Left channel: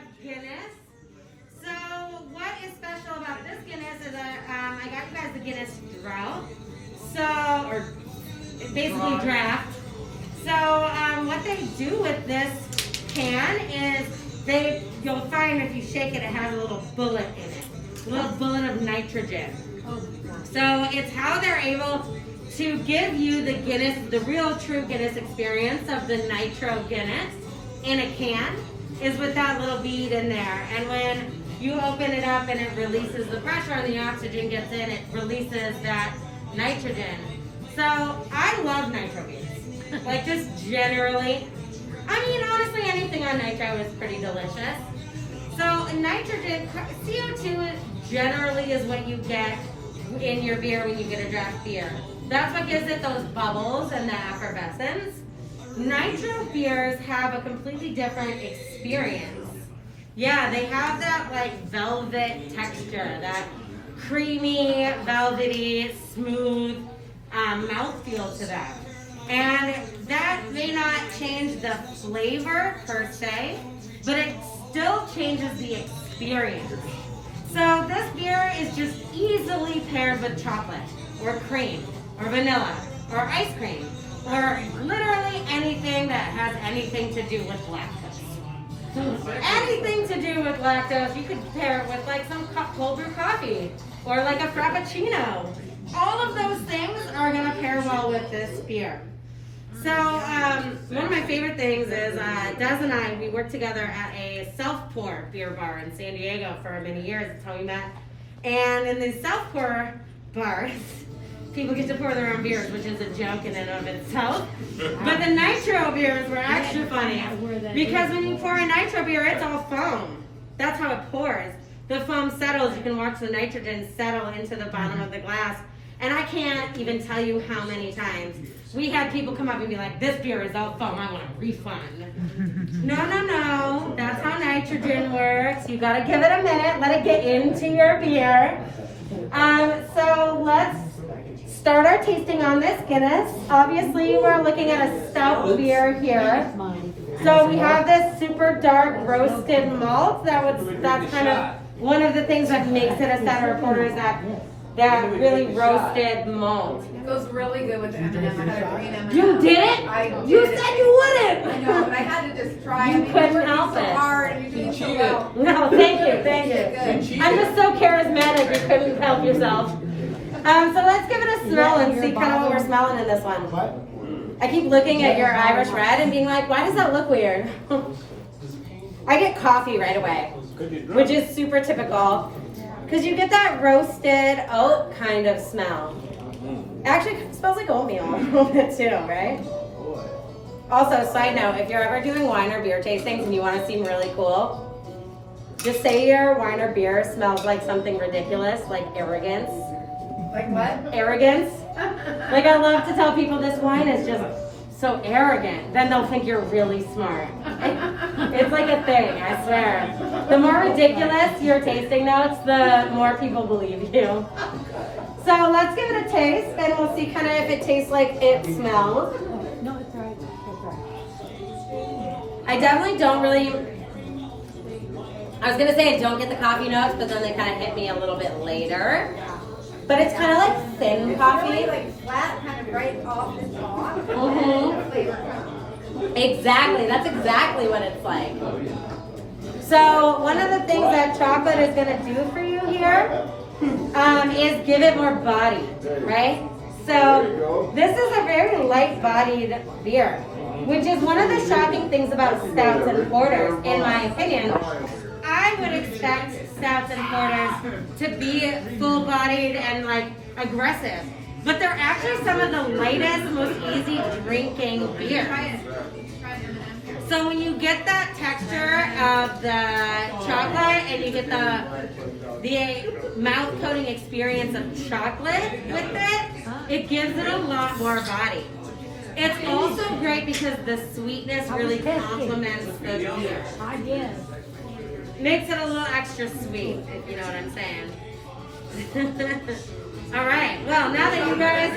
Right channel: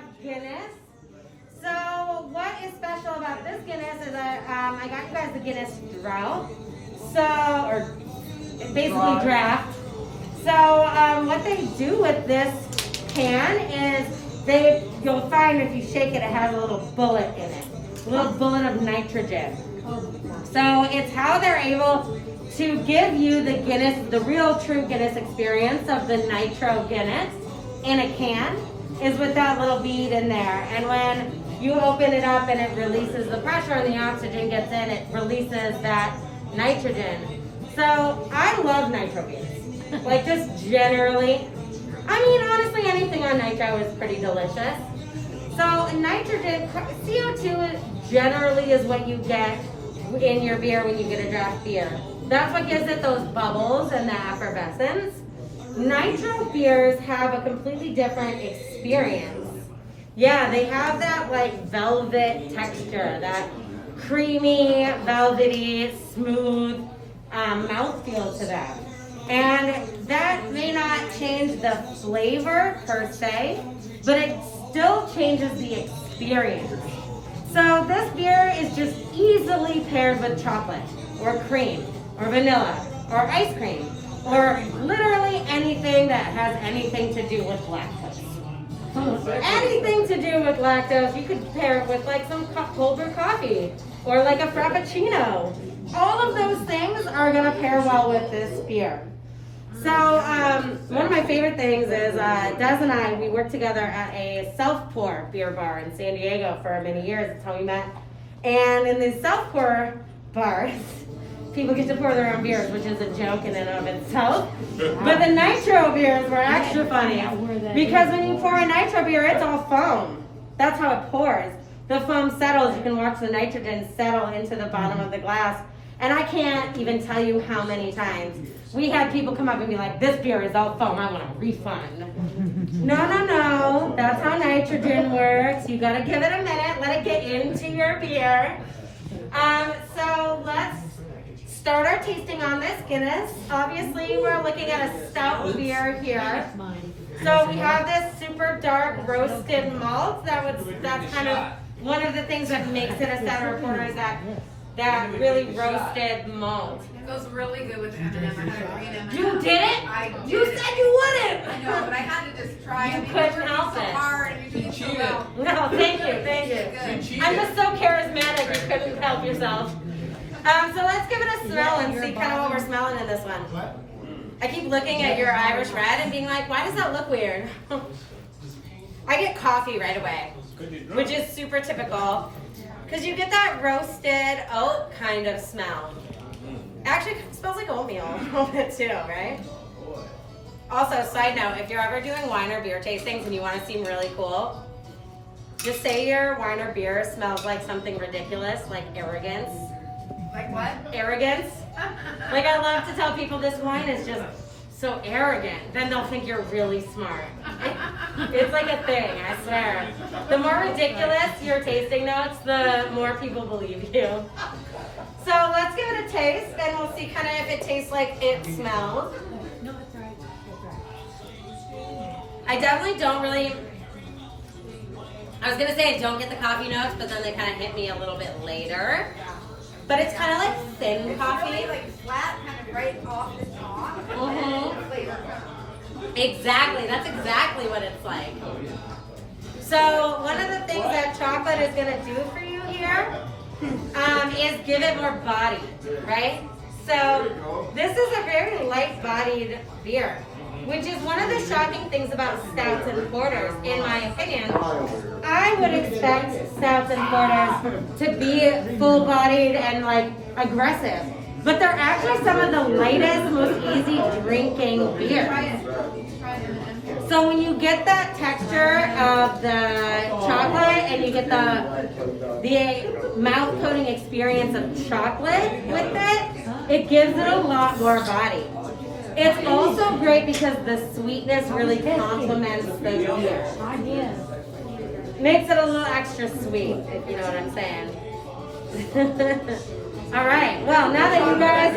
have Guinness. So what is special about this Guinness is that I got you guys the Guinness Drought. Or basically draft. So what they do with this can is you'll find if you shake it, it has a little bullet in it. A little bullet of nitrogen. So it's how they're able to give you the Guinness, the real true Guinness experience of the nitro Guinness in a can is with that little bead in there. And when you open it up and it releases the pressure and the oxygen gets in, it releases that nitrogen. So I love nitro beers. Like just generally. I mean, honestly, anything on nitro is pretty delicious. So nitrogen, CO2 generally is what you get in your beer when you get a draft beer. That's what gives it those bubbles and the effervescence. Nitro beers have a completely different experience. Yeah, they have that like velvet texture, that creamy, velvety, smooth mouthfeel to them. And that may not change the flavor per se, but it still changes the experience. So this beer is just easily paired with chocolate, or cream, or vanilla, or ice cream, or literally anything that has anything to do with lactose. Anything to do with lactose, you could pair it with like some cold brew coffee, or like a frappuccino. All of those things are gonna pair well with this beer. So one of my favorite things is Des and I, we worked together at a self-pour beer bar in San Diego for many years. That's how we met. And in these self-pour bars, people get to pour their own beers, which is a joke in and of itself. But the nitro beers were extra funny because when you pour a nitro beer, it's all foam. That's how it pours. The foam settles. You can watch the nitrogen settle into the bottom of the glass. And I can't even tell you how many times we had people come up and be like, this beer is all foam, I want a refund. No, that's how nitrogen works. You gotta give it a minute, let it get into your beer. So let's start our tasting on this Guinness. Obviously, we're looking at a stout beer here. So we have this super dark roasted malt. That's kind of one of the things that makes it a Center Porter is that really roasted malt. It goes really good with the M&M. I had a green M&M. You did it? I did you it. said you wouldn't. I know, but I had to just try. You couldn't help so it. hard and you did so well. No, thank you. I'm just so charismatic you couldn't help yourself. So let's give it a smell and see kind of what we're smelling in this one. What? I keep looking at your Irish Red and being like, why does that look weird? I get coffee right away, which is super typical. Because you get that roasted oat kind of smell. Actually, it smells like oatmeal a little bit too, right? Also, side note, if you're ever doing wine or beer tastings and you want to seem really cool, just say your wine or beer smells like something ridiculous, like arrogance. Like what? Arrogance. Like I love to tell people this wine is just so arrogant, then they'll think you're really smart. It's like a thing, I swear. The more ridiculous your tasting notes, the more people believe you. So let's give it a taste, and we'll see kind of if it tastes like it smells. No, it's right. It's right. I definitely don't really, I was going to say I don't get the coffee notes, but then they kind of hit me a little bit later. But it's kind of like thin coffee. Really like flat, kind of right off the top. Flavor comes. Exactly. That's exactly what it's like. So one of the things that chocolate is going to do for you here is give it more body, right? So this is a very light-bodied beer, which is one of the shocking things about stouts and porters, in my opinion. I would expect stouts and porters to be full-bodied and like aggressive, but they're actually some of the lightest, most easy drinking beers. So when you get that texture of the chocolate and you get the mouth coating experience of chocolate with it, it gives it a lot more body. It's also great because the sweetness really complements the beer. Makes it a little extra sweet, if you know what I'm saying. All right, well, now that you guys